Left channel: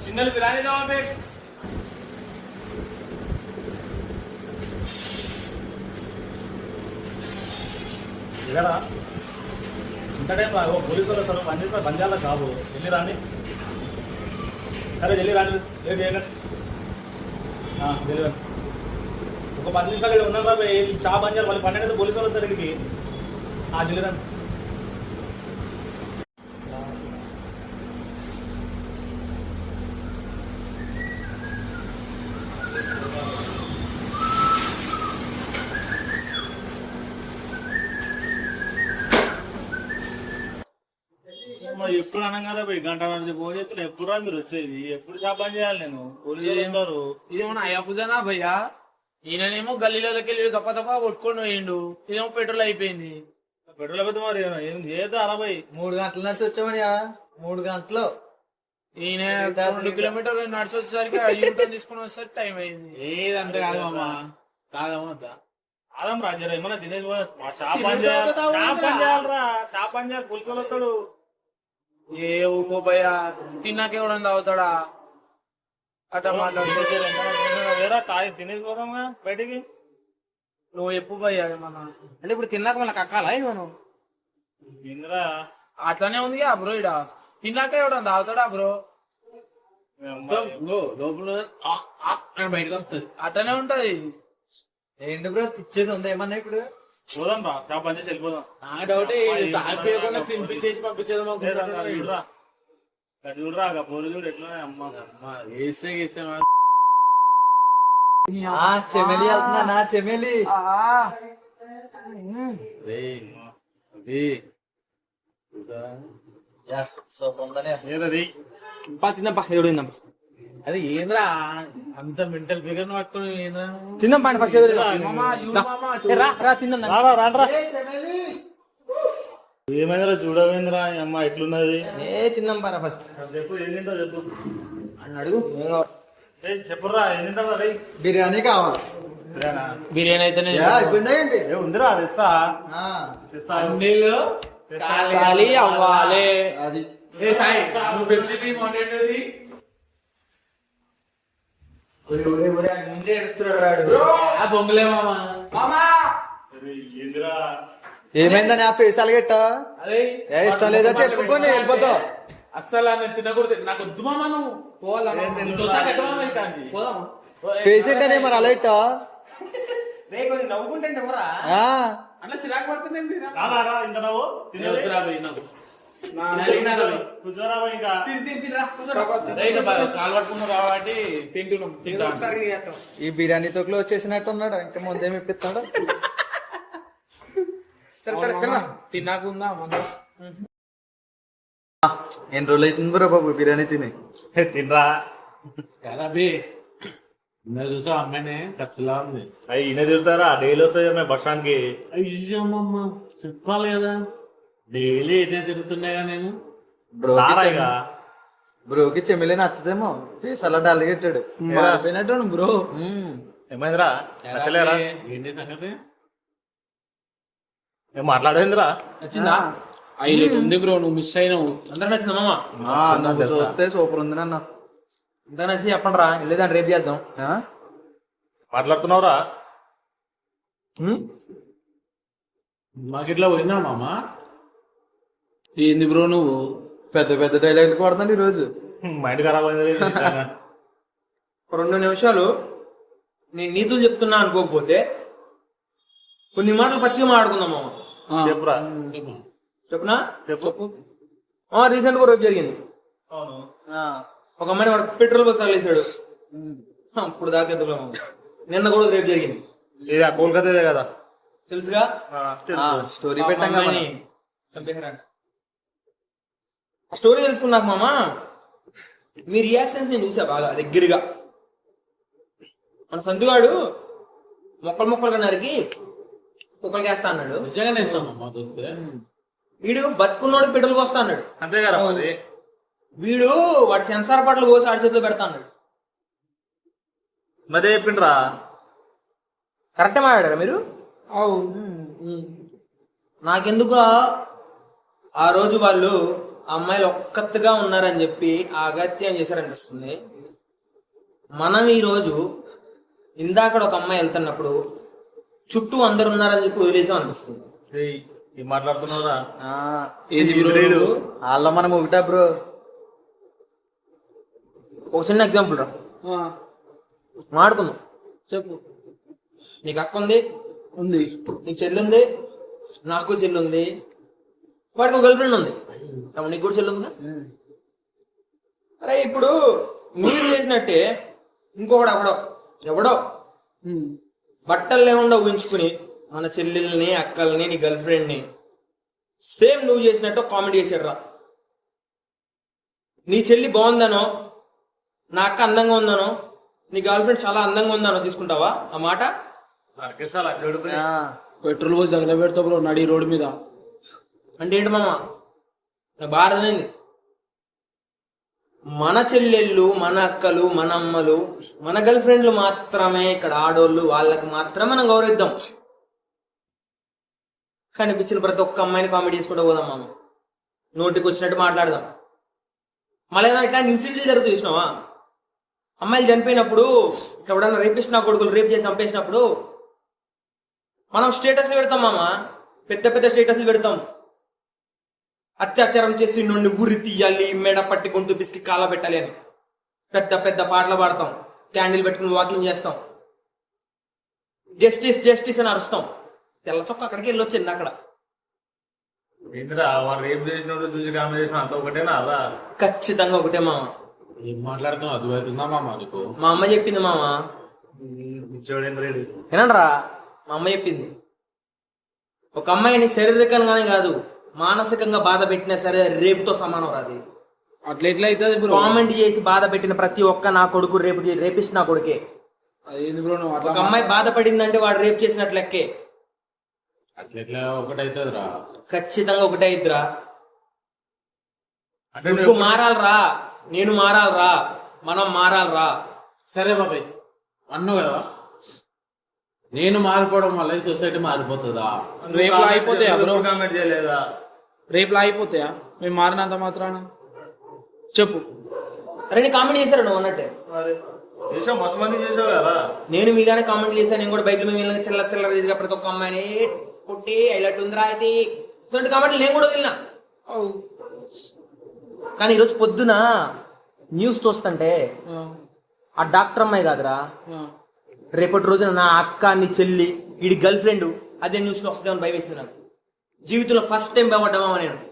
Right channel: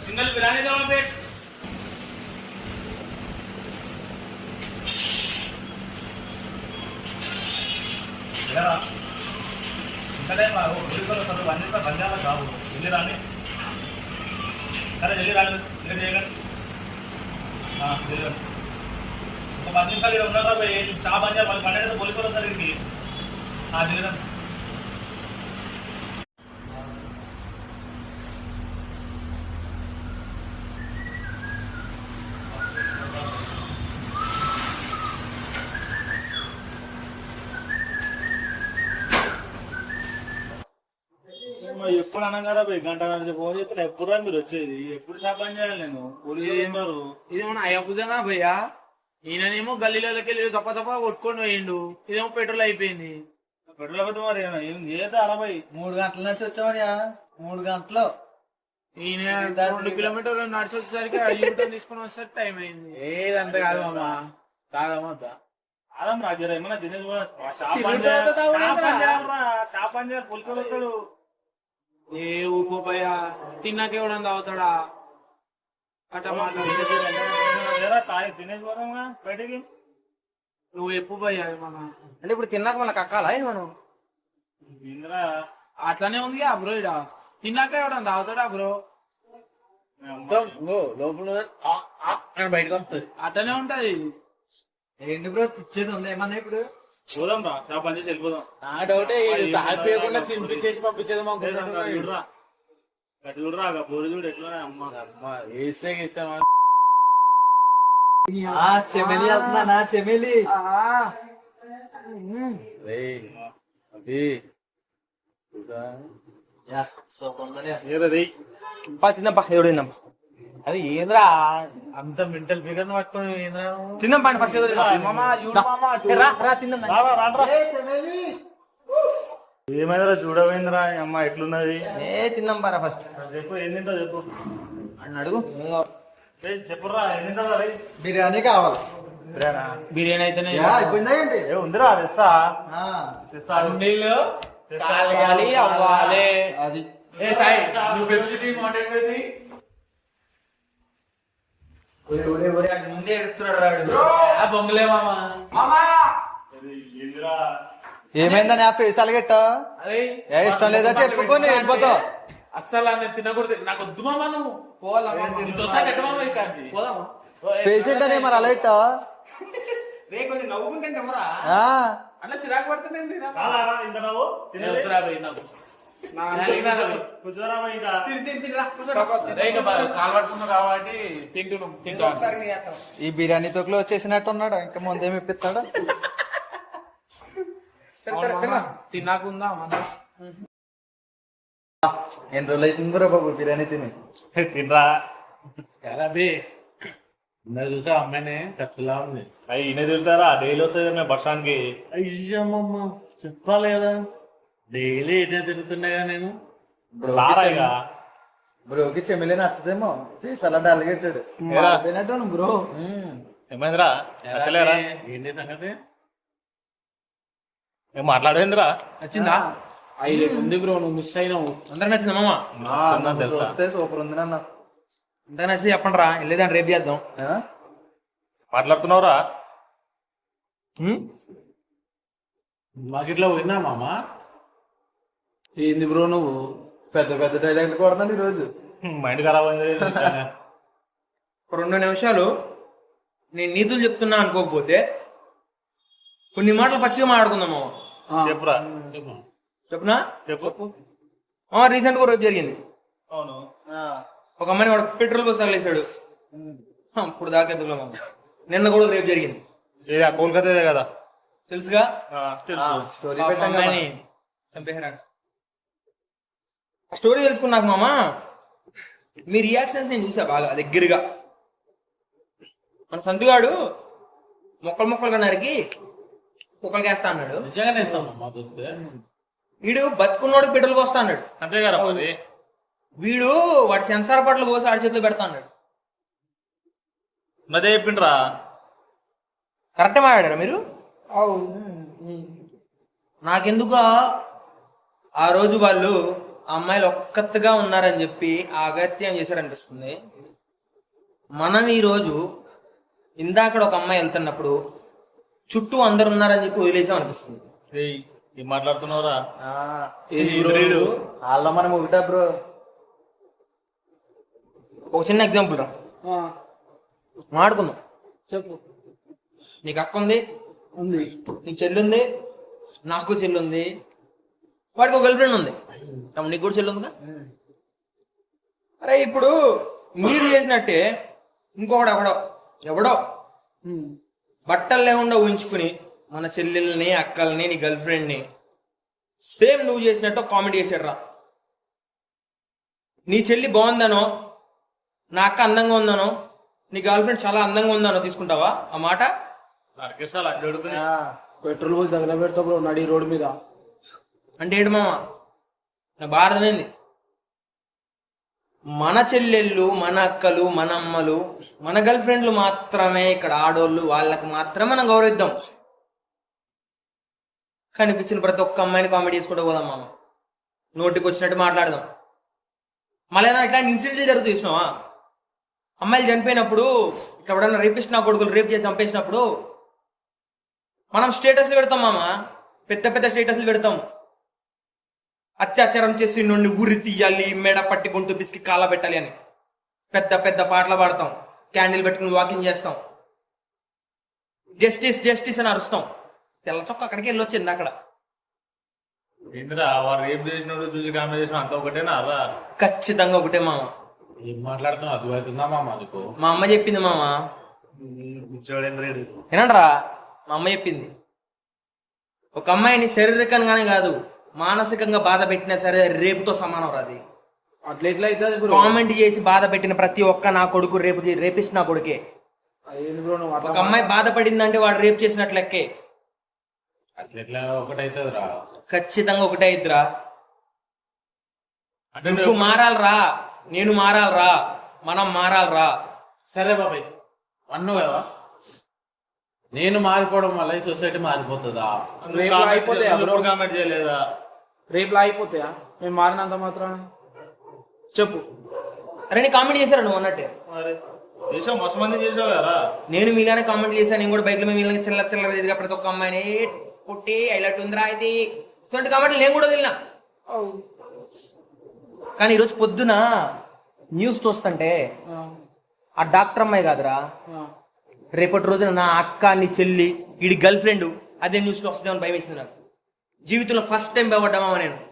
Single बिराने जाओ पे వెళ్ళరా ఇంత టైం రావు పోలీసులు వస్తారు బంద్ చేస్తారు బంద్ చేయాలి కాదు వెళ్ళి రాండి సరే వెళ్ళి రాండి లేట్ చేయకండి ఆ, వెళ్ళి రండి ఒక పది నిమిషాలు ఇక్కడ ఉన్నారా చా బంద్ చేయాలి వాళ్ళు పన్నెండు పోలీసులు వస్తారు ఇక్కడికి ఆ, వెళ్ళి రండి మరి ఎప్పుడు అనగానే పోయి గంట నుంచి ఫోన్ చేస్తే ఎప్పుడు మీరు వచ్చేది? ఎప్పుడు శాపం చేయాలి నేను? పోలీసులు ఉన్నారు ఇదేమన్నా అయ్యపుజనా భయ్యా? ఈయననేమో గల్లీలోకి వెళ్ళి తప్ప తప్ప కొట్టుకొని పోయిండు. ఇదేమో పెట్రోల్ అయిపోయింది. పెట్రోల్ పోతే మరి ఏం చేద్దా అరవై మూడు గంటల నడిచి వచ్చామని మూడు గంటలు. ఈయన రెండు కిలోమీటర్లు నడిచి వచ్చేసరికి యూటర్న్ తీసుకుని వచ్చేసరికి టైం అయింది. ఏదంత కాదు మామ కాదమ్మా ఆదం రాజా ఏమన్నా తినేది పని చేయాలి చేయాలిరా ఏ ఊకో భయ్యా తిన్నాక ఎవడన్నా తాగుతాడా అట్ట మాట్లాడు. లేరా తాగి తినేది పోదామా బయటికి? నువ్వు ఎప్పు భయ్యా ఏమన్నా? అంటే ఇప్పుడు తిన్నాక మళ్ళీ కక్కాలా మనం ఇందిరా అట్లానే ఉంది బ్రో ఇడ తిన్నాక ఎవడన్నా తాగుతాడా బ్రో? లోపల బయటకు వస్తుంది. అట్లనే ఉంటది. ఏంటి బ్రో పిచ్చేది ఉంది ఏమన్నా ఇప్పుడు? పోదాం రా షాప్ పని చేసి వెళ్ళిపోదాం. నా డౌటే తాగిపోయకుండా తినిపించేసి పంపించేది చూడురా. ఆ చూడు ఎట్లా అమ్మ. వేస్తే గీస్తే చెమెలి నా చెమెలి? రే అవి యా సూపర్ ఉందని ఏదో రేయ్. పా తిందాంపా ఎవడు తిందాం అదే ఏంద్రా? అంత మెంటల్ ఫిగర్ పట్టుకొని ఏంద్రా? తిందాం పండి ఫస్ట్. రా రా తిందాం. ఏమైందిరా? ఈ అమ్మ ఎట్లున్నది? ఏ తిందాం పారా ఫస్ట్ చెప్పు తింటావు చెప్పు. అని అడుగు ఏం కావాలి? రేయ్, చెప్పురా రేయ్ బిర్యానీ కావాలి? బిర్యానీ? అయితేనే యా అయిపోయిందా ఏంటి? ఏ ఉందిరా తెస్తా. తెస్తా. అవ్వాలి. అది. ఏ సాయి నువ్వు ఒరే, ఒరే, ఒరే, ఆయన ముందే ఎడుతున్నాడు రాడు ఆ బొమ్మలే మామ. మామా! రేయ్, ఏందిరా? ఏమైందని ఆ ఫేస్ అలగెట్టా ఏ ఇష్టం లేదా చెప్పుకొని వెళ్ళిపోతావు అస్సలు నేను తినకూడదు. నాకు వద్దు మామ నువ్వు. పోవాలా మరి అలా ఇట్టా కొంచెం నవ్వుకుంటే ఎవరా? అట్లా చిరాకు పడుతుంది కాబట్టి తింటున్నాం తింటా ఈ బిర్యానీ తొక్కులో వచ్చేసినట్టు ఉన్నాడు? ఇంకా ముందేమి ఇప్పిస్తాడు తిన్నాకుందా మన ఎన్ని రోజులు అవుతుంది బ్రో బాబు బిర్యానీ తిని? తినరా. బే? నేను చూసా అమ్మాయిని? కత్తిలా ఉంది. అవి ఈయన తిరుగుతారా డైలీ వస్తాయి మేము బస్ స్టాండ్కి అయ్యమ్మమ్మ చెప్పాలి కదా. డైలీ ఎటే తిరుగుతుండేగా నేను. రారా ఇక. బ్రోకి చెమిలే నచ్చదేమో. ఫేస్ అలా డల్ కట్టాడు ఏరా? పోయినట్టు బ్రో. ఏమైందిరా? నచ్చలేరా? ఏంటి సంగతి? ఏం మాట్లాడేందిరా? వచ్చిందా హైలైట్ ఉంది బ్రో నువ్వు మిస్ అయినావు. అందరూ నచ్చిందా మామ? తెలుసా? చూస్తే సూపర్ ఉంది నన్ను. అంతా నచ్చి చెప్పండి రా వెళ్ళేదాన్ని రేపు చేద్దాం. ఆ? మాట్లాడుతున్నావురా? మాకు ఇట్లా పోయినా మామ? ఏంది బ్రో నువ్వు? పెద్ద పెద్ద డైలాగ్ కొడుతున్నాడు ఈ రోజు మైండ్ ఖరాబ్ అయింది రెండు నిమిషాలు నేను నీతులు చెప్తున్నా అనుకోకపోతే కొన్ని మాటలు పచ్చిగా మాట్లాడుకుందాము. చెప్పురా. చెప్పునా? చెప్పు. రీసెంట్గా రేపు జరిగింది. అవును. ఆ, ఒక అమ్మాయిని వాడు పెట్రోల్ బస్ తగిలేశాడు ఇప్పుడు దాకా నిన్న కూడా రేపు జరిగింది. ఇది ఆ కోల్కతా కదా? తెలుసుగా? ఆ, తెలుసు. స్టోరీ పెట్టాం చంపేశారంట స్టోరీ తెలుసుకున్నాక మామ? మీ రియాక్షన్స్ నేను చూసా బాగా దగ్గరగా. మన సందుగాడు మొక్కలు మొక్కలుగా నరికి కుక్కలకి వేస్తా అన్నాడు. నిజంగానే దొరికితే. వీడు బతుకున్నోడు పెట్రోల్ పోస్తా అన్నాడు. అంతే కదా మరి. వీడు వాడి సెన్సార్ పట్ల కోసి ఆడి చేతిలో పెడతా అన్నాడు. నదే చెప్పిండ్రా. కరెక్ట్ మాట్లాడారా మీరు? నాకెందుకు ఆ రోజు వాళ్ళు అమ్మాయిలు ఒక్కత్తుగా ఉన్నారని చెప్పి అగత్యం చేశారనిపిస్తుంది. మనం ఈరోజు ఇందాక ఒక అమ్మాయి వెళ్తున్నప్పుడు చుట్టూ అందరు ఉన్నారని చెప్పి వదిలేసాం అనిపిస్తుంది ఏం? వీడు? వాళ్ళ మనం ఒకటా బ్రో. ఒక చిన్న ఎగ్జాంపుల్ రా. మాడుకుందాం చెప్పు. నీకు అక్క ఉంది? ఉంది. నీకు చెల్లి ఉంది నాకు చెల్లి ఉంది వాడికి ఒక గర్ల్ ఫ్రెండ్ ఉంది నీకు కూడా చెల్లి ఉందిగా? అరే ఇప్పుడు మీరు చేసినట్టే ఇంకొకడు ఎవడో ఎవడో. బట్టలు లేకుండా ఊహించుకుని మన చెల్లెల్ని అక్కల్ని నీ గర్ల్ ఫ్రెండ్ని సేమ్ నువ్వు చేసినట్టు కామెంట్ చేశాడు రా. నీ చెల్లి బాగుందనో నా అక్క అందంగా ఉందనో నీ గర్ల్ ఫ్రెండ్ చాలా అందంగా ఉందనో తీసుకుంటావా? ఆ మాట? పెట్రోల్ పోసి తగల పెడతా బ్రో నడి రోడ్డు మీద. అంటే ఏంటి మామ? నా భారతమైంది మన చెల్లెళ్ళు మన అక్కలు మన అమ్మలు మన గర్ల్ ఫ్రెండ్లు మాత్రమే ఇక్కడ ఆడోళ్ళు వాళ్ళకి మాత్రం మనం గౌరవిద్దాం. కనిపించిన ప్రతి ఒక్క అమ్మాయిని కామెడీ చేసుకుంటూ పోదాం మామ. నోటికి వచ్చినట్టు మాట్లాడదాం. మళ్ళీ ఇట్లాంటి ఇన్సిడెంట్లు జరుగుతాయి చూసినావా? అమ్మాయిలు చనిపోయినప్పుడు ఇట్లా ఎవడన్నా రేపిస్ట్ నా కొడుకులు రేప్ చేసి చంపేసినప్పుడు మనం స్టేటస్లు పెడతాం మామ. పెద్ద పెద్ద స్టేటస్లు పెడతాం. అత్యాచారం చేసి నుండి గురి తీయాలి మెడ పట్టి గొంతు పిసికి కాల పెట్టాలి అని. పెద్ద పెద్ద పాటలు పాడతాం క్యాండిల్ పెట్టుకుని వాకింగ్ చేస్తాం. జస్టిస్ జస్టిస్ అని అరుస్తాం. తెల్ల చొక్క అక్కడికి వెళ్ళొచ్చింది అక్కడ. ఏంటిరా వాడు ఏం చేసినాడు చూసి కామెంట్ చేసిన అంత ఒకటేనా ఖచ్చితంగా ఒకటే మామ. ఏం మాట్లాడుతున్నావు? అర్థమవుతుందా మామ నీకు? మా అమ్మ చెప్పింది మామ. ఏనండ్రా మా అమ్మ చెప్పింది. ఒక అమ్మాయిని శారీరకంగానే కాదు మానసికంగా బాధ పెట్టినా సరే రేపుతో సమానం రాది అట్లా ఎట్లా అవుతుంది బ్రో? కామెంట్ చేసి బాధ పెట్టిన ప్రతి ఒక్క నా కొడుకు రేపు రేపిస్ట్ నా కొడుకే. అదేంది బ్రో నువ్వు ఒక అమ్మాయి బాధపడిందంటే వాడు రేపు చేసినట్లు లెక్కే. అట్లా ఎట్లా ఒకటైతుంది రా ఖచ్చితంగా ఒకటే అంటే నువ్వు మారాలరా. నేను మారాలరా. మనం మారాలరా. సరే బాబాయ్ అన్నావు కదా? నేను మారిపోవడం వల్ల ఈ సొసైటీ మారిపోతుందా? రేపు అయిపోతాయా బ్రో కామెంట్ చేయలేదా? రేపు అయిపోతాయా? మేము మారినంత మాత్రాన? చెప్పు. అరే నేను కామెంట్ చేశారు నువ్వు అన్నట్టే. చేసావు మస్తు మంది చేసావు కదా. నేను మీలానే కామెంట్ చేశాను నేను కూడా బైక్లో మీలానే చిల్లర చిల్లర ఎదుగా ప్రతి ఒక్క అమ్మాయిని "ఏ, కొట్టి హైలైట్ ఉందిరా ఇది. ఇటువంటి కామెంట్లు నేను కూడా వదిలినా. కానీ ఈరోజు పొద్దున న్యూస్ చూస్తుంటే ఆ, ఆ డాక్టర్ అమ్మాయి కాదురా. రేపటి రోజున నా అక్క నీ చెల్లి వీడి గర్ల్ ఫ్రెండ్ అదే న్యూస్లో వస్తుందేమని భయం వేసింది నాకు. జీవితంలో ఫస్ట్ టైం భయపడ్డామా నేను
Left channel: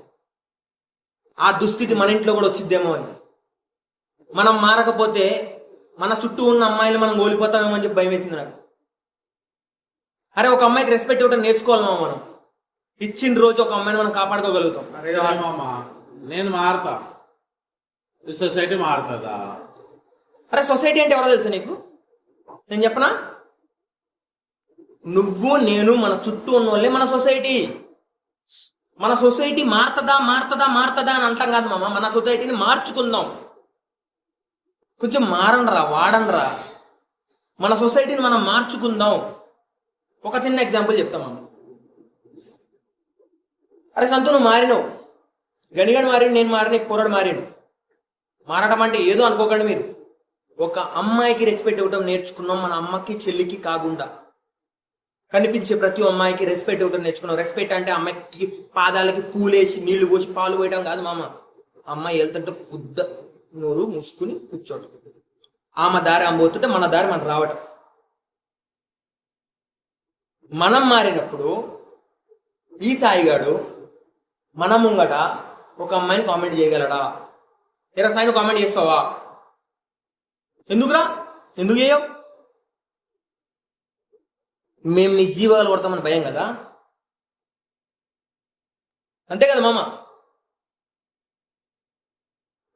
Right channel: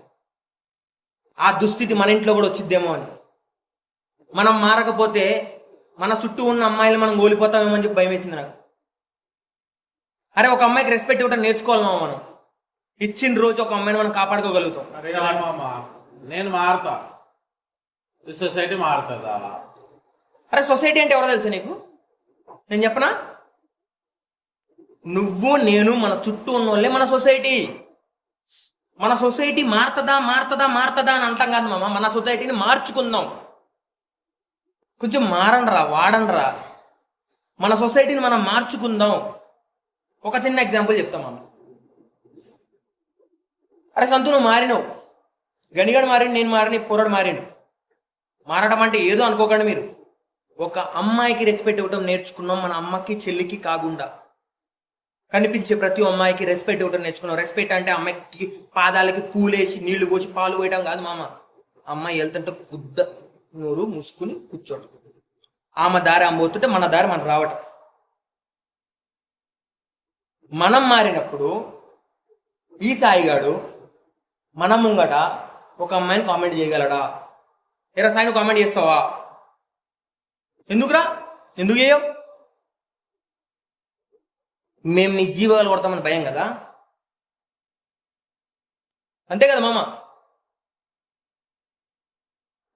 ఆ దుస్థితి మన ఇంట్లో కూడా వచ్చిద్దేమో అని. మనం మారకపోతే మన చుట్టూ ఉన్న అమ్మాయిలు మనం ఓడిపోతామేమో అని చెప్పి భయం వేసింది నాకు. అరే ఒక అమ్మాయికి రెస్పెక్ట్ ఇవ్వడం నేర్చుకోవాలమ్మా మనం? ఇచ్చిన రోజు ఒక అమ్మాయిని మనం కాపాడుకోగలుగుతాం. నేను మారుతా. సొసైటీ మారుతుందా? అరే సొసైటీ అంటే ఎవరో తెలుసా నీకు? నేను చెప్పనా? నువ్వు నేను మన చుట్టూ ఉన్న వాళ్ళే మన సొసైటీ మన సొసైటీ మారుతుందా మారుతుందా మారుతుందా అని అంటాం కాదు మామ. మన సొసైటీని మార్చుకుందాం. కొంచెం మారండ్రా వాడండ్రా. మన సొసైటీని మనం మార్చుకుందాం. ఒక చిన్న ఎగ్జాంపుల్ చెప్తాం మామ. అరే సంతు నువ్వు మారినావు. గనిగడు మారిన నేను మారిన పూరడు మారిను మారడం అంటే ఏదో అనుకోకండి మీరు. ఒక అమ్మాయికి రెచ్చిపెట్టి ఇవ్వడం నేర్చుకున్నాం మన అమ్మకి చెల్లికి కాకుండా. కనిపించే ప్రతి అమ్మాయికి రెస్పెక్ట్ ఇవ్వడం నేర్చుకున్నాం రెస్పెక్ట్ అంటే అమ్మాయికి పాదాలకి పూలేసి నీళ్ళు పోసి పాలు పోయడం కాదు మామ. అమ్మాయి వెళ్తుంటే గుద్ద నోరు మూసుకుని కూర్చోవడం ఆమె దారి ఆమె పోతుంటే మన దారి మనం రావటం. మనం మారినప్పుడు ఈ సాయిగాడు మన ముంగట ఒక అమ్మాయిని కామెంట్ చేయగలడా? ఎరా సాయిని కామెంట్ చేస్తావా? ఎందుకురా? ఎందుకు చేయవు? మేము మీ జీవాలు కొడతామని భయం కదా? అంతే కదా మామ?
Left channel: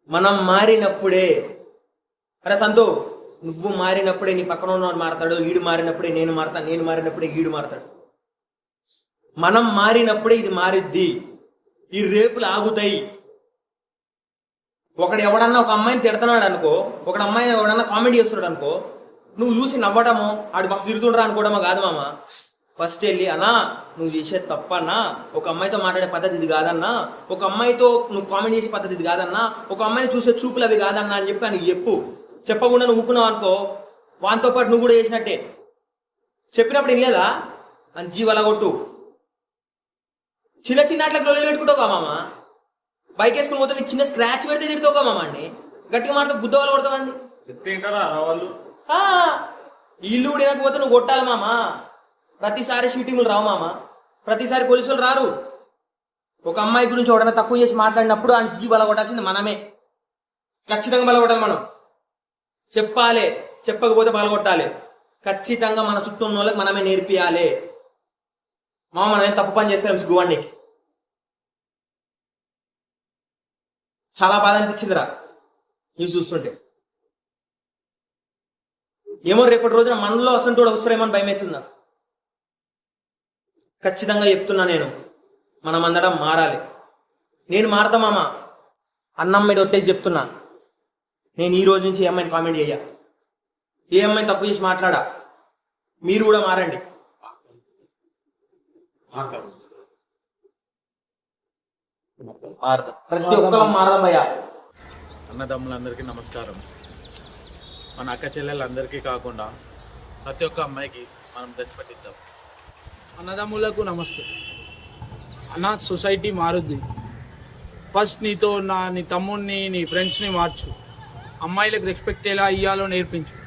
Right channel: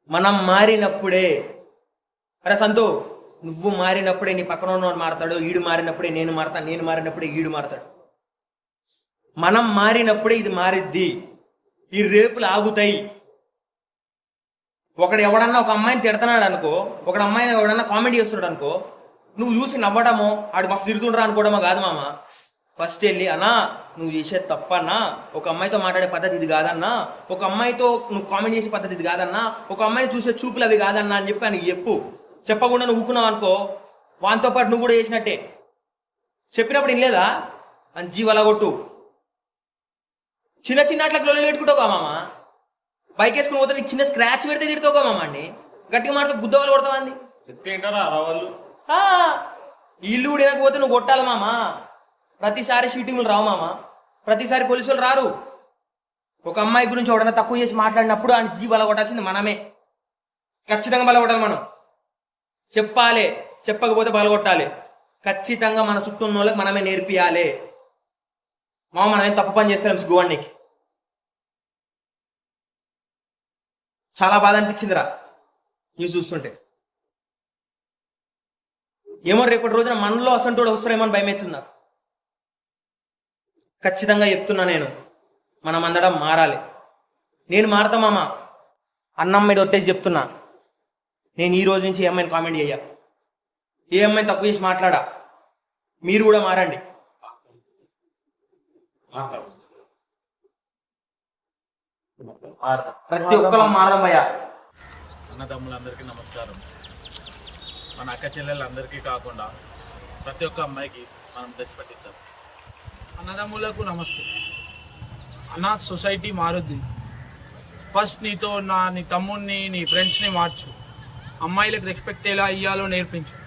మనం మారినప్పుడే. అరే సంతో నువ్వు మారినప్పుడే నీ పక్కన ఉన్నవాడు మారతాడు ఈడు మారినప్పుడే నేను మారతాను నేను మారినప్పుడే ఈడు మారతాడు. మనం మారినప్పుడే ఇది మారిద్ది. ఈ రేపులు ఆగుతాయి. ఒకడు ఎవడన్నా ఒక అమ్మాయిని తిడుతున్నాడు అనుకో ఒకడు అమ్మాయిని ఎవడన్నా కామెడీ చేస్తున్నాడు అనుకో నువ్వు చూసి నవ్వడము ఆడు మస్తు తిరుగుతుండ్రా అనుకోవడమో కాదు మామ. ఫస్ట్ వెళ్ళి అన్నా నువ్వు చేసేది తప్పన్నా ఒక అమ్మాయితో మాట్లాడే పద్ధతి ఇది కాదన్నా ఒక అమ్మాయితో నువ్వు కామెంట్ చేసే పద్ధతి ఇది కాదన్నా ఒక అమ్మాయిని చూసే చూపులు అవి కాదన్నా అని చెప్పి నీకు చెప్పు. చెప్పకుండా నువ్వు ఊకున్నావు అనుకో వానితో పాటు నువ్వు కూడా చేసినట్టే. చెప్పినప్పుడు లేదా అని జీవల కొట్టు. చిన్న చిన్న అట్లా గొల్లలు పెట్టుకుంటావు మామ. బైక్ వేసుకుని పోతే నీకు చిన్న స్క్రాచ్ పెడితే తిడతావు మామ అండి గట్టిగా మాట బుద్ధ వాళ్ళు కొడతావు అండి చెప్తే ఇల్లు కూడా నువ్వు కొట్టాలి మామ. ప్రతిసారి షీటింగ్లు రావు మామ. ప్రతిసారి పోలీసులు రారు. ఒక అమ్మాయి గురించి ఎవడన్నా తక్కువ చేసి మాట్లాడినప్పుడు ఆయన జీ బలగొట్టాల్సింది మనమే. ఖచ్చితంగా బల కొట్టాలి మనం. చెప్పాలి చెప్పకపోతే బలగొట్టాలి ఖచ్చితంగా మన చుట్టూ ఉన్న వాళ్ళకి మనమే నేర్పియాలి. మా మనం ఏం తప్పు పని చేస్తాం సిగ్గువాడికి చాలా బాధ అనిపించిందిరా. న్యూస్ చూస్తుంటే. ఏమో రేపటి రోజున మనలో అసంటోడు వస్తాడేమో అని భయం అవుతుందా ఖచ్చితంగా చెప్తున్నా నేను. మనం అందడం మారాలి. నేను మారతా మామ. అన్నం మీద ఒట్టేసి చెప్తున్నా. నేను ఈ రోజు నుంచి ఏ అమ్మాయిని కామెంట్ చేయ ఏ అమ్మాయిని తప్పు చేసి మాట్లాడా? మీరు కూడా మారండి. ప్రతి ఒక్కరు మారడం అన్నదమ్ములందరికీ నమస్కారం. మన అక్క చెల్లెలందరికీ కాకుండా ప్రతి ఒక్క అమ్మాయికి మనం దశ పట్టిద్దాం. అన్నదమ్ములకు నమస్తే. అన్న సొసైటీ మారుద్ది. ఫస్ట్ నీతో నా నీ తమ్ముడిని నీ ఫ్రెండ్స్ని మార్చు. అమ్మాయిలకు రెస్పెక్ట్ ఎలా ఇయ్యాలో నేర్పించు.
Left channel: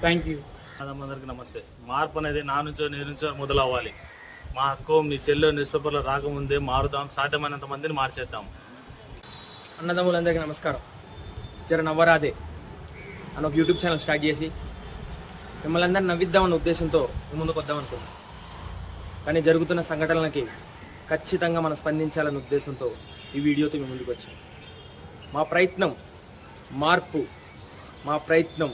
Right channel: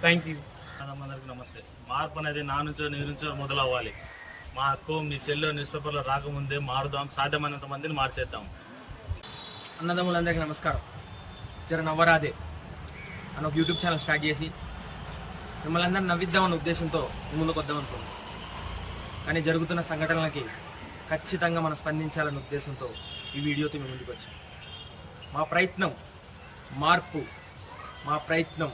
థ్యాంక్ యూ అందరికీ నమస్తే. మార్పు అనేది నా నుంచో నీ నుంచో మొదలవ్వాలి. మా అక్క మీ చెల్లె న్యూస్ పేపర్లో రాకముందే మారుదాం. సాధ్యమైనంత మందిని మార్చేద్దాం. అన్నదమ్ములందరికీ నమస్కారం. జర నవ్వరాదే. అని ఒక యూట్యూబ్ ఛానల్ స్టార్ట్ చేసి మిమ్మల్ని అందరిని నవ్విద్దామన్న ఉద్దేశంతో ముందుకు వద్దాం అనుకున్నాం. కానీ జరుగుతున్న సంఘటనలకి ఖచ్చితంగా మనం స్పందించాలన్న ఉద్దేశంతో ఈ వీడియోతో మేము ముందుకు వచ్చాం. మా ప్రయత్నం మార్పు మా ప్రయత్నం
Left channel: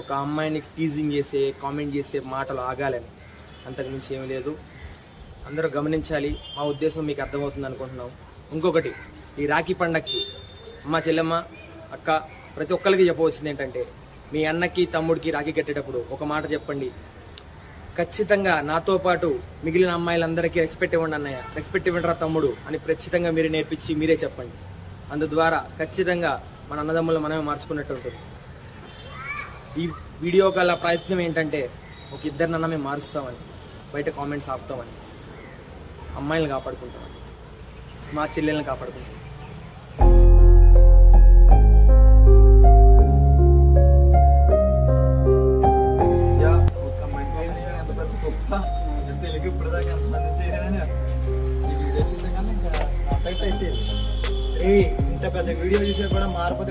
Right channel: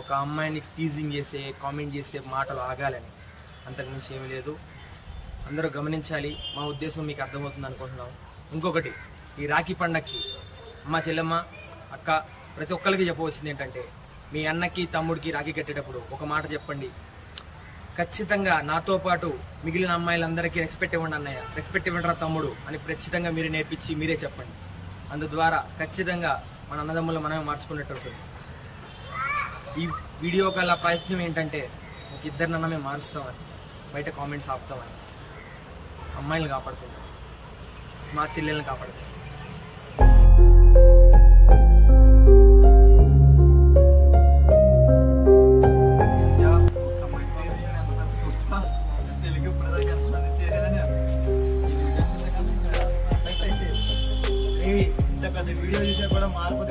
ఒక అమ్మాయిని టీజింగ్ చేసే కామెంట్ చేసే మాటలు ఆగాలని అంతకు మించి ఏమీ లేదు. అందరూ గమనించాలి మా ఉద్దేశం మీకు అర్థమవుతుంది అనుకుంటున్నాం. ఇంకొకటి ఈ రాఖీ పండక్కి అమ్మ చెల్లెమ్మ అక్క ప్రతి ఒక్కరికి చెప్పవలసింది ఏంటంటే మీ అన్నకి తమ్ముడికి రాఖీ కట్టేటప్పుడు ఒక మాట చెప్పండి. ఖచ్చితంగా నాతో పాటు మిగిలిన అమ్మాయిలందరికీ రెస్పెక్ట్ ఇవ్వండి అన్నయ్య. రెస్పెక్ట్ ఇవ్వండి తమ్ముడు అని ఖచ్చితంగా మీరే నేర్పించి మీరే చెప్పండి. అందు ద్వారా ఖచ్చితంగా మన అన్నదమ్ములు మనమే మార్చుకున్నట్టు ఉంటుంది. ఈ వీడియో గల ప్రయత్నం ఏంటంటే ఒక ఇద్దరిని అన్న మేము మారుస్తామని బయట కామెంట్స్ ఆపుతామని అమ్మాయిలను కాపాడుకుంటామని మా చెల్లెల్ని కాపాడుకుంటాం కూడా మారిపోతే